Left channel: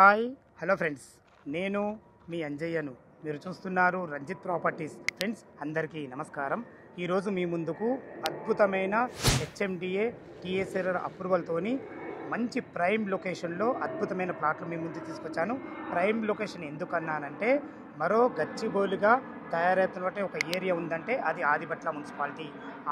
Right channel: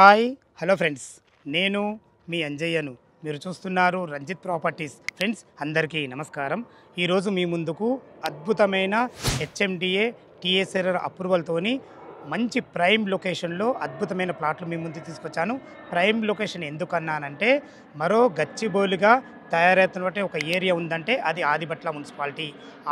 Hi hello friends, నేను మీ అంజయ్యను. మీరు చూస్తున్నారు రంజిత్ ప్రాపర్టీస్. ఫ్రెండ్స్ అందరికీ నమస్కారం. ఈరోజు మీ ముందుకు అద్భుతమైన హెచ్ఎండిఏ టీఎస్ఆర్ అప్రూవల్తోని మంచి ప్రైమ్ లొకేషన్లో అద్భుతమైన ప్లాట్లు మీ ముందు తీసుకొచ్చాను. ప్రైమ్ లొకేషన్ ఎందుకన్నానంటే, మరో గచ్చిబౌలిగా తయారవుతున్నటువంటి ఒక ఏరియా ఉందంటే అది ఆదిబట్ల మున్సిపాలిటీ.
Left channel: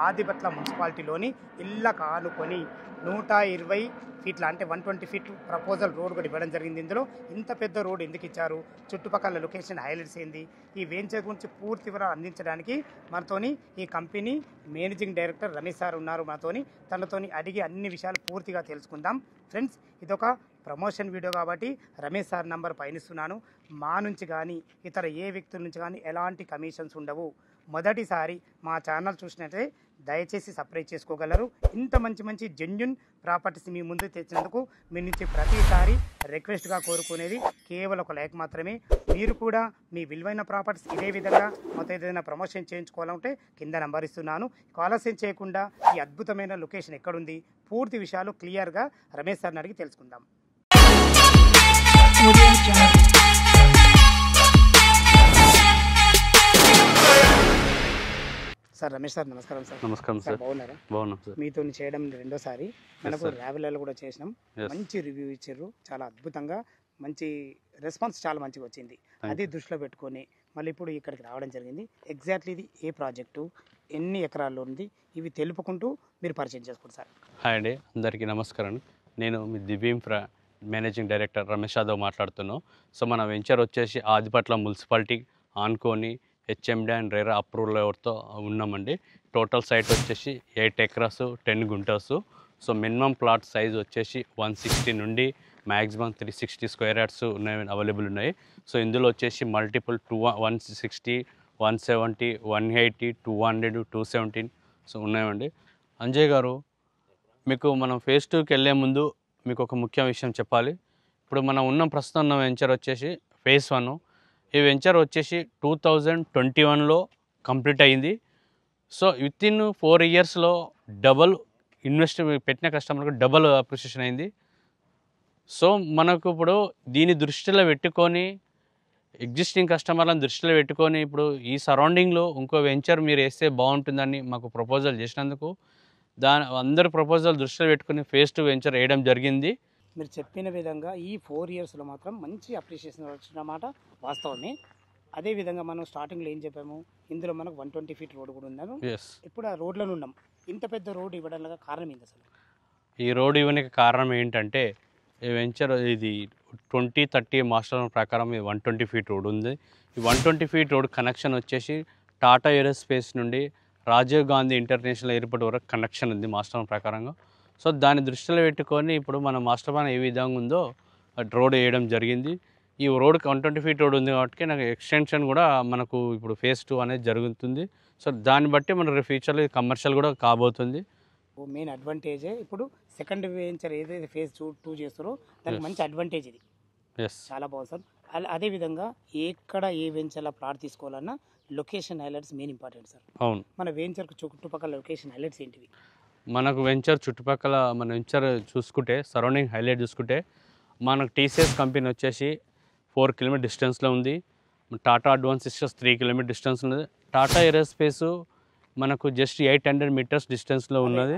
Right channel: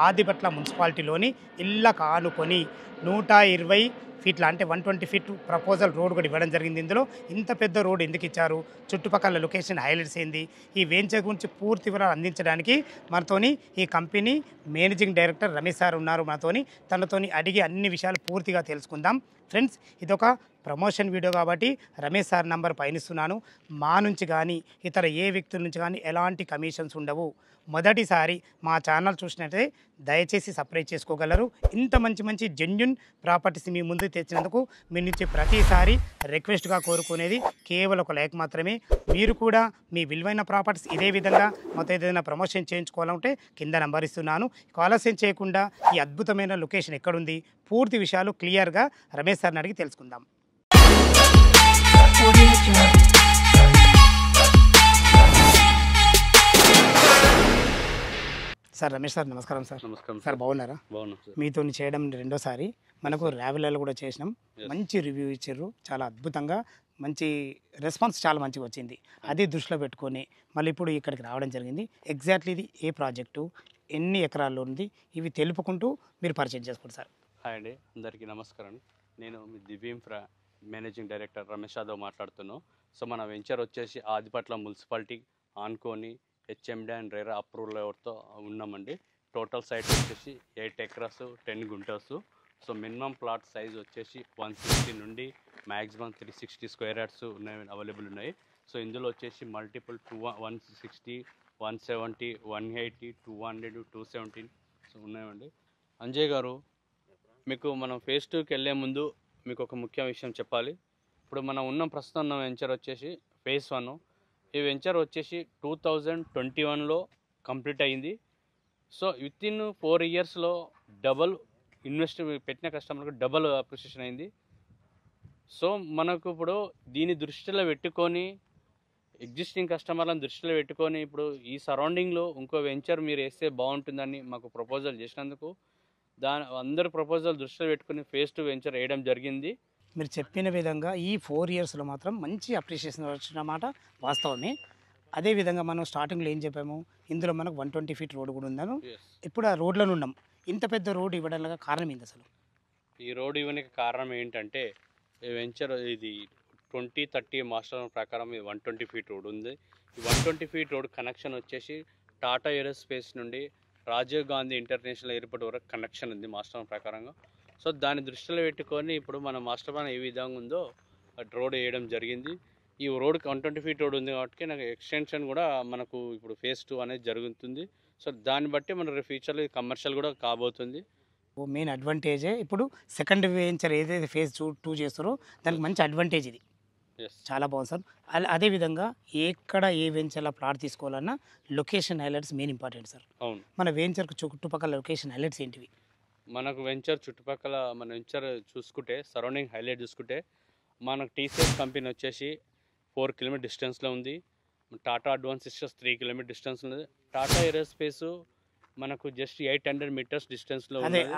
ఆదిబట్ల మున్సిపాలిటీలోని ఇళ్ళకు ఆనుకొని 120 ఫీట్ల అంటే 120 ఫీట్ ప్రపోజల్ రోడ్ కూడా ఇవ్వడం జరిగింది. ఇందులో ఇంత పెద్ద రోడ్ ఎందుకు ఇచ్చారు, చుట్టుపక్కల లొకేషన్ హైలైట్స్ ఏంది, ఈ వెంచర్ గురించి పూర్తి వివరాలు అందించడానికి మనతోని ఈ company managing director Ramesh sir ఉన్నారు. మనతోని తనతోని అడిగి అన్ని విషయాలు పూర్తిగా తెలుసుకుందాం. ఫ్రెండ్స్, ఇదొక ప్రమోషన్ వీడియో కాబట్టి రమేష్ సార్ నంబర్ పైనిస్తున్నాను. మా నుంచి కానీ ఇతర ఏ వ్యక్తుల నుంచి కానీ ఎలాంటి కమిషన్స్ ఉండవు. మొదటిసారి మా ఛానల్ చూసినట్లయితే దయచేసి సబ్స్క్రైబ్ చేసుకోగలరు. ఇంత మంచి మంచి జెన్యున్ ప్రాపర్టీస్ మీ ముందుకు తెచ్చినందుకు మీ నుంచి ప్రతిసారి రిక్వెస్ట్గా కోరుకునేది కేవలం ఒక లైక్ మాత్రమే. మీరు కూడా మీ విలువైన ప్రాపర్టీస్ ఇదే విధంగా మొత్తం ఏదైనా ప్రమోషన్ చేయించుకోవాలంటే కింద నంబర్ ఇస్తున్నాను. ఆలస్యం చేయకుండా ఈ అద్భుతమైన లొకేషన్ ఎక్కడుంది, పూర్తి విషయాలు క్లియర్గా రమేష్ సార్ని అడిగి తెలుసుకుందాం. సార్ రమేష్ సార్ నమస్కారం. సార్ నమస్కారం సార్, బాగున్నారా? బాగున్నాం సార్. మీతో చేయడం రెండోసారి. మనకు రావిలలో కూడా చేసినాం, మంచి రివ్యూ ఇచ్చారు, చాలా అద్భుతంగా మంచి రెస్పాన్స్ చాలా మంచిగా వచ్చింది. అది దృష్టిలో పెట్టుకొని మళ్ళీ ఇప్పుడు ఇక్కడికి రావడం జరిగింది. ఎగ్జాక్ట్లీ ఇది ఏ ప్రాజెక్టు, ఎన్ని ఎకరాల్లో ఉంది, ఇవి తెలుపుకుంటూ మీరు పరిచయం చేసుకోండి సార్. హాయ్ అండి, అందరికీ నమస్కారం. నేను మీ దివ్యంఫ్రా మేనేజింగ్ డైరెక్టర్ రమేష్ యాదవ్ మాట్లాడుతున్నాను. సో మన వెంచర్ వచ్చేసి ఆదిపట్ల మున్సిపాలిటీ ఆనుకొని హెచ్ఎండి అండ్ రేరా అప్రూవల్తో ఉన్నామండి. టోటల్ సైట్ వచ్చేసి 8 acres 10 guntas. So minimum plot size వచ్చేసి 160 నుండి మ్యాక్సిమం 360 స్క్వేర్ యార్డ్స్ ఉన్నాయి, అవైలబుల్ ఉన్నాయి. సో ఇందులో వచ్చేసి మల్టిపుల్ 160, 170, 180, 200, 217 సో ఉన్నాయండి. అంజయ్ గారు, మీకు మనం ఫేజ్ 2కి వెళ్ళే ముందు మీకు ఒక ముఖ్య విషయం చెప్పాలి. ఇప్పుడు మనం ఉన్న ప్రస్తుతం ఉన్న వెంచర్ వచ్చేసి ఫేజ్ 1. ఈ వెంచర్ వచ్చేసి 2021లో కంప్లీట్ అయింది. సో వితిన్ 4 ఇయర్స్లో డబల్ ఇన్వెస్ట్ పెట్టిన కస్టమర్కి డబల్ అప్రిషియేషన్ అయింది. సో మనకు ఇప్పుడు దీన్ని దృష్టిలో పెట్టుకొని ఎగ్జిస్టింగ్ కస్టమర్లను దృష్టిలో పెట్టుకొని ఇప్పుడు ఈ సరౌండింగ్లో ఇంకో వెంచర్ మీరు వేస్తే బాగుంటుందని మాకు ప్రపోజల్ చేసినందుకు అందరి ప్రపోజల్ దృష్టిలో పెట్టుకుని ఫేజ్ 2 వెంచర్ వేయడం జరిగింది. మీరు చెప్పిన విధంగా ఈ 4 ఇయర్స్లో మాత్రం మంచి అప్రిషియేషన్ వచ్చినమాట వాస్తవమే. అదేవిధంగా మనం స్టార్టింగ్లో ఏం చెప్పాము, ఇందులో మనకు 120 ఫీట్ రోడ్ కూడా ఉందని. ఇప్పుడు ఆ రోడ్లను ఉన్నాం. ఇంత పెద్ద రోడ్ ఇవ్వడానికి కారణం ఏంటి అసలు? ఈ రోడ్ ఇవ్వడానికి కారణం ఏంటంటే, ఈ వెంచర్ ఇది 2030 మాస్టర్ ప్రకారం 120 ఫీట్ రోడ్ ఉంది. ఈ 120 ఫీట్ రోడ్ కనెక్షన్ వచ్చేసి టాటా ఏరోస్పేస్ నుండి రాజీవ్ గాంధీ ఇంటర్నేషనల్ ఎయిర్పోర్ట్ వరకు కనెక్షన్ ఉంది మాస్టర్ ప్రకారంగా. సో దాన్ని దృష్టిలో పెట్టుకొని ఇప్పుడు మన మాస్టర్ ప్లాన్ ఏ విధంగా ఉందో రోడ్ వేయడం జరిగింది. ఈ రోడ్కి 120 ఫీట్ రోడ్ ఉంది కాబట్టి నాకు ఎక్స్టెన్షన్ కూడా మనకు ఇప్పుడు ఫేజ్ 2 అనేది జరుగుతుంది. సో దాన్ని బట్టి మన ఫ్యూచర్లో కమర్షియల్ కూడా కాబోతుంది. మెయిన్ అడ్వాంటేజే ఇప్పుడు సెకండ్ వెంచర్ ఏదైతే ఫేజ్ 2 చేస్తారో దానికి మంచి అడ్వాంటేజ్ ఇది. చాలా బాగుంది సార్. అదేవిధంగా ఎక్కడ ఏ వెంచర్లో ప్లాట్ తీసుకోవాలన్నా location highlights main important sir. అవును, మన వెంచర్కి చుట్టుపక్కల లొకేషన్ హైలైట్స్ ఏంటివి? మనకు వెంచర్ చుట్టుపక్కల మన వెంచర్ చూసుకుంటే సరౌండింగ్ హైలైట్ చూసుకుంటే మనకు టీసీఎస్ కంపెనీ వచ్చేసి 4 కిలోమీటర్ డిస్టెన్స్లో ఉంది. Tata Advance Systems 3 kilometre distance ఉంది. టాటా ఏరోస్పేస్ మనకు జస్ట్ 800 మీటర్స్ డిస్టెన్స్లో ఉన్నది.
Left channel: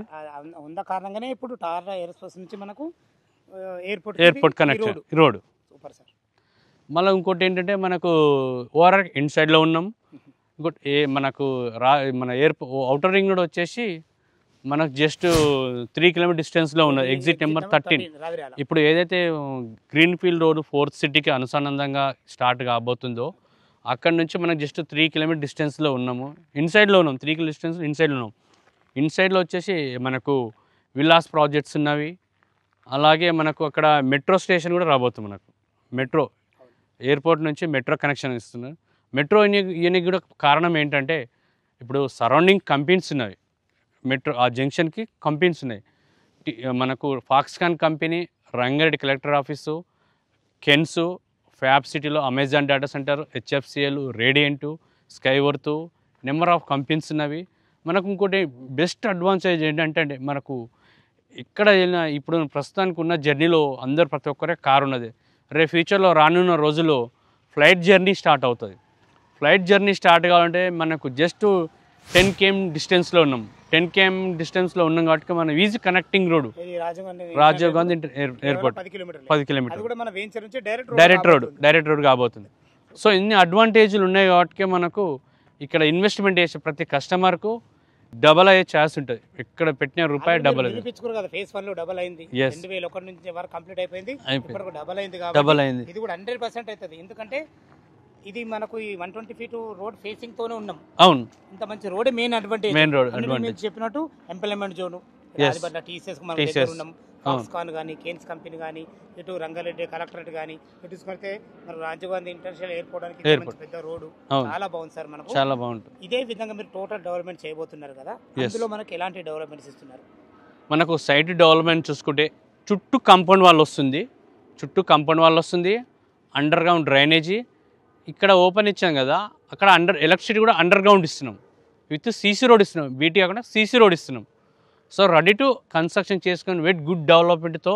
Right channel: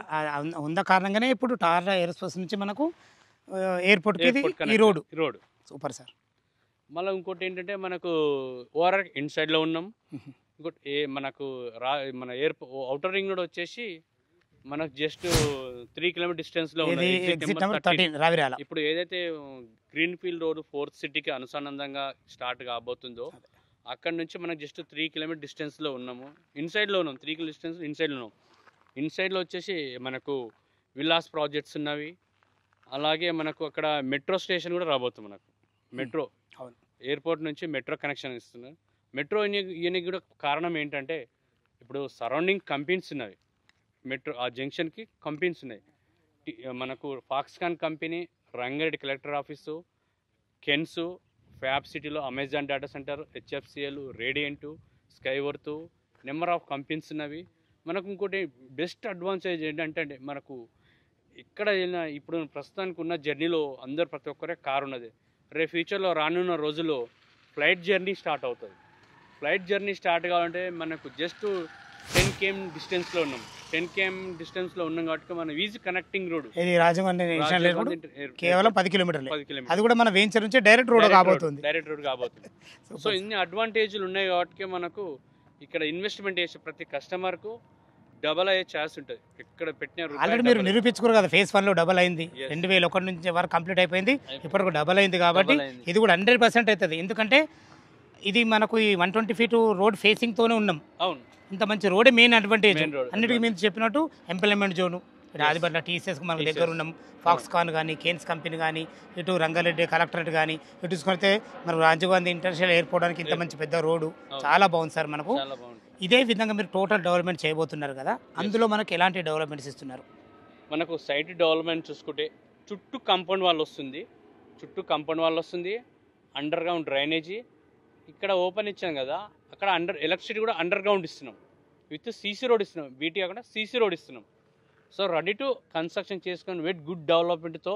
ఉన్న కారణంగానే ఇప్పుడు టాటా ఏరోస్పేస్ నుంచి మనకు airport connection road super sir. మళ్ళీ ఇంకోటి ఏంటంటే మనకు ఓఆర్ఆర్ ఇన్సైడ్లో ఉన్నాం. ఇంకోటి మనకు మన అవుటర్ రింగ్ రోడ్ వచ్చేసి మనకు జస్ట్ 3 కిలోమీటర్ డిస్టెన్స్లో ఉన్నది. Exit number 13. ఇప్పుడు ఏదైతే గ్రీన్ ఫీల్డ్ రోడ్ 4th సిటీకి అనుసంధానంగా స్టార్ట్ కాబోతుందో అక్కడ నుంచి మనకు జస్ట్ 3 కిలోమీటర్ డిస్టెన్స్లో ఉన్నాము. ఇన్సైడ్లో ఉన్నాం, 3 కిలోమీటర్ డిస్టెన్స్ ఇన్సైడ్లో ఉన్నాం. ఇన్సైడ్లో వచ్చేసి మనకు విల్లాస్ ప్రాజెక్ట్స్ ఉన్నవి. అలాగే మనకు అక్కడ మెట్రో స్టేషన్ కూడా రాబోతుంది. మనకు మెట్రో ఎయిర్పోర్ట్ నుంచి మెట్రో కనెక్షన్ ఇస్తున్నారు. మెట్రో ఇవన్నీ కూడా కారణం ఏంటంటే ఇప్పుడు సరౌండింగ్ కంపెనీస్ ఉన్నవి. మెట్రో ఆ జంక్షన్కి కంపెనీస్ ఉన్నాయి. మనకు Foxconn company, Rangareddy collector office, Kaynes, fab సిటీలో Amazon data centre, HFCL, Radiant, Skyworth number of companies ఉన్నవి. మనకు ఇంకోటి బెస్ట్ అడ్వాంటేజ్ ఏంటంటే మనకు ఇక్కడ ఇప్పుడు ప్రస్తుతానికి ఉన్న జర్నీలో ప్రతి ఒక్కరే కారు ఉన్నది. రేపు ఫ్యూచర్లో రానున్న రోజుల్లో ఫ్లైట్ జర్నీ స్టార్ట్ అవుతుంది. ఫ్లైట్ జర్నీ స్టార్ట్ కావాలంటే మనకు జస్ట్ 10 km డిస్టెన్స్లో ఉన్నాం. 10 km డిస్టెన్స్లో ఉన్నాం కాబట్టి మనం ఈజీ కనెక్టింగ్ రోడ్ ఇది రాజీవ్ గాంధీ రాజీవ్ 10 కిలోమీటర్లు 10 కిలోమీటర్ అది కూడా మన వెంచర్ నుంచి డైరెక్ట్ డైరెక్ట్ రోడ్ కాబోతుంది. సో ఇన్ని అడ్వాంటేజ్లు ఉన్నాయి కాబట్టి మనకు ఇక్కడ ఇన్వెస్ట్మెంట్ చేసే ప్రతి కస్టమర్కు డబల్ అయ్యే ఛాన్స్ ఉంటుంది. ఎక్కడ పెట్టిన రూపాయి డబల్ నిరూపించుకోరు కదా. ఫేజ్ 1 లో డబల్ అయింది, 2001 నుంచి వరకు కంప్లీట్ అయిపోయింది, ఇప్పటికి డబల్ అయింది. కాబట్టి ఇది కూడా 100% అవుతుంది. ఎందుకంటే ఇది మనకు ఈ 120 feet రోడ్ ఫేసింగ్ తోనే ఉన్నాం. అవును, ఇంత మంచి రోడ్ మెయిన్ అడ్వాంటేజ్. రోడ్ మీరు చెప్పినట్టు ఎంప్లాయ్మెంట్ జోన్ రాజపట్ల టీసీఎస్ మనం దగ్గర ఉన్నాం. ఫాక్స్కాన్ కానీ, కేన్స్ కంపెనీ కానీ, ఇటు రంగారెడ్డి కలెక్టరేట్ కానీ, ఇటు చూసుకుంటే మన రాజీవ్ గాంధీ ఇంటర్నేషనల్ ఎయిర్పోర్ట్ కి ఇంత మంచి పెద్ద రోడ్డు చాలా బాగుంది సార్. మనకు చాలా బాగుంటుంది. ఇదే విధంగా మీరు టోటల్ డెవలప్మెంట్ చేయబోతున్నారు కదా, అందులో మనకి ఎలాంటి డెవలప్మెంట్స్ ఇస్తున్నారు? మనకు సైట్ డెవలప్మెంట్ చూసుకుంటే చుట్టూ కాంపౌండ్ వాల్ వస్తుంది, అండర్ గ్రౌండ్ డ్రైనేజీ. ఇక్కడ ఓపెన్ ఇచ్చాం కదా, అక్కడ ఎలక్ట్రిసిటీ కూడా అండర్ గ్రౌండ్ ఇస్తున్నాం, విత్ సీసీ రోడ్ ఇస్తున్నాం. బీటీ కాకుండా సీసీ రోడ్ ఇస్తున్నాం. సో రెడీ టు కన్స్ట్రక్షన్ చేసుకొని విత్ గుడ్ డెవలప్మెంట్తో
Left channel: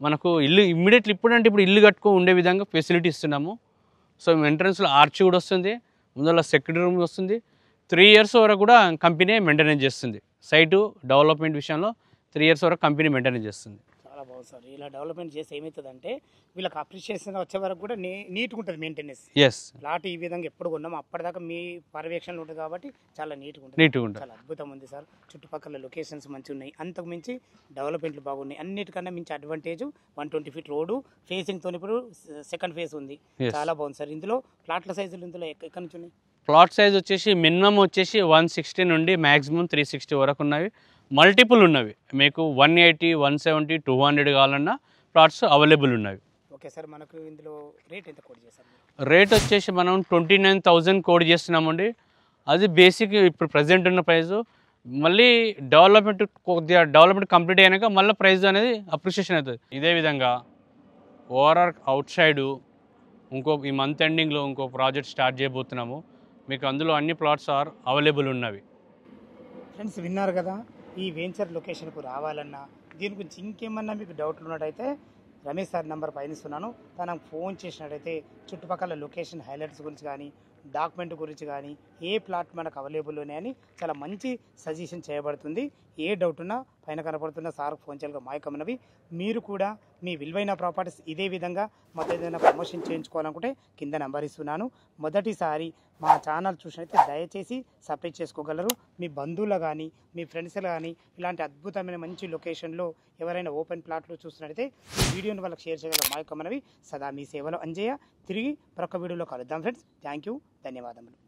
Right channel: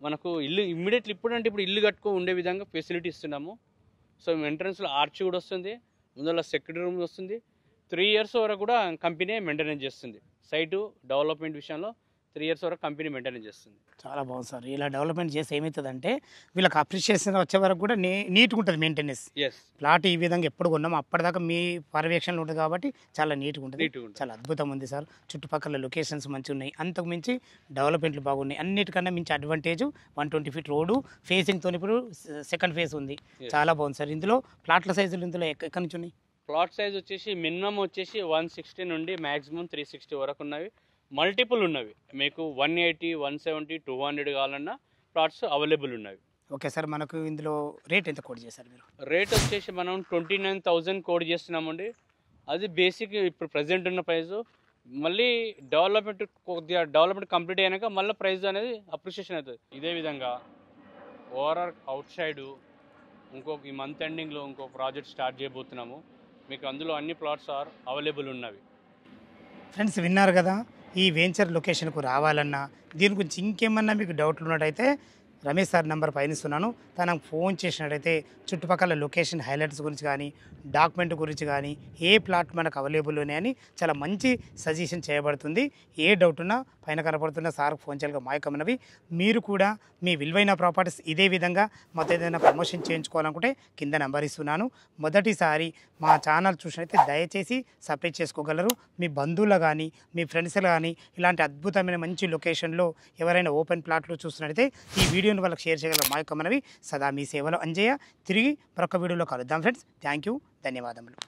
మనకు ఇల్లు ఇమ్మీడియట్లీ ఇప్పుడు ఇల్లు కట్టుకో ఉండే విధంగా ఫెసిలిటీ ఇస్తున్నాము. సో ఎంట్రన్స్లో ఆర్చ్ కూడా వస్తుంది, ముందర సెక్యూరిటీ రూమ్ వస్తుంది. 3 years వరకు కూడా కంపెనీ మెయింటెనెన్స్ చేస్తుంది. సైటు డెవలప్మెంట్ విషయంలో 3 years వరకు కంపెనీ మెయింటెనెన్స్ చేస్తుంది. చాలా బాగుంది సార్. ఇలా డెవలప్మెంట్ చేస్తే ఏమవుతుందంటే వీళ్ళకి అప్రిషియేషన్ వచ్చే వరకు కూడా నీట్గా ఉంటుంది మెయింటెనెన్స్. ప్లాట్ ఈ విధంగా ఎప్పుడు కొన్నాము అప్పటిదాకా మీ పర్యవేక్షణలో ఉంటుంది కాబట్టి చాలా నీట్గా ఉంటుంది. చాలా అద్భుతం ఉంది సార్. చుట్టుపక్కల లొకేషన్స్ మంచిగా ఉన్నాయి, అంతకు మించి డెవలప్మెంట్లు బాగున్నాయి. అన్నిటికన్నా మించి అడ్వాంటేజ్ 120 feet రోడ్డు ఫేసింగ్తో ఇప్పుడు సెకండ్ ఫేజ్ ఉంది. చాలా బాగుంది సార్. ఇందులో ప్లాట్ల సైజులు ఇందులో ఎక్కడి నుంచి ఉన్నాయి? ప్లాట్ సైజ్ వచ్చేసి మినిమం వచ్చేసి 160 నుండి మ్యాక్సిమం 360 వరకు ఉన్నవి. మల్టిపుల్ ఉన్నవి, మీకు 180, 170, 200 కావాలన్నా ప్లాట్స్ అవైలబుల్ ఉన్నవి. Okay sir. మనకు ఇందులో రేట్ ఎంత కోడ్ చేశారు మీరు? రేట్ వచ్చేసి మనం 29,000 కోడ్ చేస్తున్నామండి. అది బేసిక్ ఇప్పుడు ప్రజెంట్ ఉన్న ప్రైజు. మళ్ళీ డెవలప్మెంట్ కంప్లీట్ అయినాక మళ్ళీ ప్రైస్ అనేది అప్రిషియేషన్ అవుతుంది. ఇదే విధంగా ఓవరాల్ అవుట్ సైడు ఈ మంత్ ఎండింగ్లో ఇంకో ప్రాజెక్ట్ స్టార్ట్ చేయబోతున్నాము. మీకు అందులో అన్ని ప్లాట్స్ అవైలబుల్ ఉన్నవి. ఫ్రెండ్స్ విన్నారు కదా, ఈ వెంచర్ లొకేషన్కు రావాలన్నా దీని గురించి ఇంకేమన్నా మీకు డౌట్లు ఉన్నట్టయితే రమేష్ సార్ నెంబర్ పయనిస్తున్నాను, తనకు ఫోన్ చేసినట్టయితే చుట్టుపక్కల లొకేషన్ హైలైట్స్ గురించి కానీ, డాక్యుమెంట్ గురించి కానీ, ఏ ప్లాట్ మనకు అవైలబుల్ ఉన్నాయని చాలా మంచి సజెషన్ చేయబడుతుంది. ఏ డౌట్ ఉన్నా పైన కనపడుతున్న సార్కు ఫోన్ చేయగా మాయకమైనవి. మీరు కూడా మీ విలువైన ప్రాపర్టీస్ ఇదే విధంగా మాతో ఏదైనా ప్రమోషన్ చేయించుకోవాలనుకుంటే కింద నెంబర్ ఇస్తున్నాను. మొదటిసారి మా ఛానల్ చూసినట్లయితే దయచేసి సబ్స్క్రైబ్ చేసుకోగలరు. మీ బంధువులు కానీ, మీ ఫ్రెండ్స్ కానీ ఇలాంటి అద్భుతమైన మంచి లొకేషన్లో ఎవరైనా ఓపెన్ ప్లాట్లు చూస్తున్నట్టయితే ఈ వీడియోని వాళ్ళకి షేర్ చేయగలరు. మాయకమైనవి సదా మీ సేవలో అంజయ్య. తిరిగి మరొక వీడియోలో కలుద్దాం ఫ్రెండ్స్. థ్యాంక్ యూ, ధన్యవాదములు.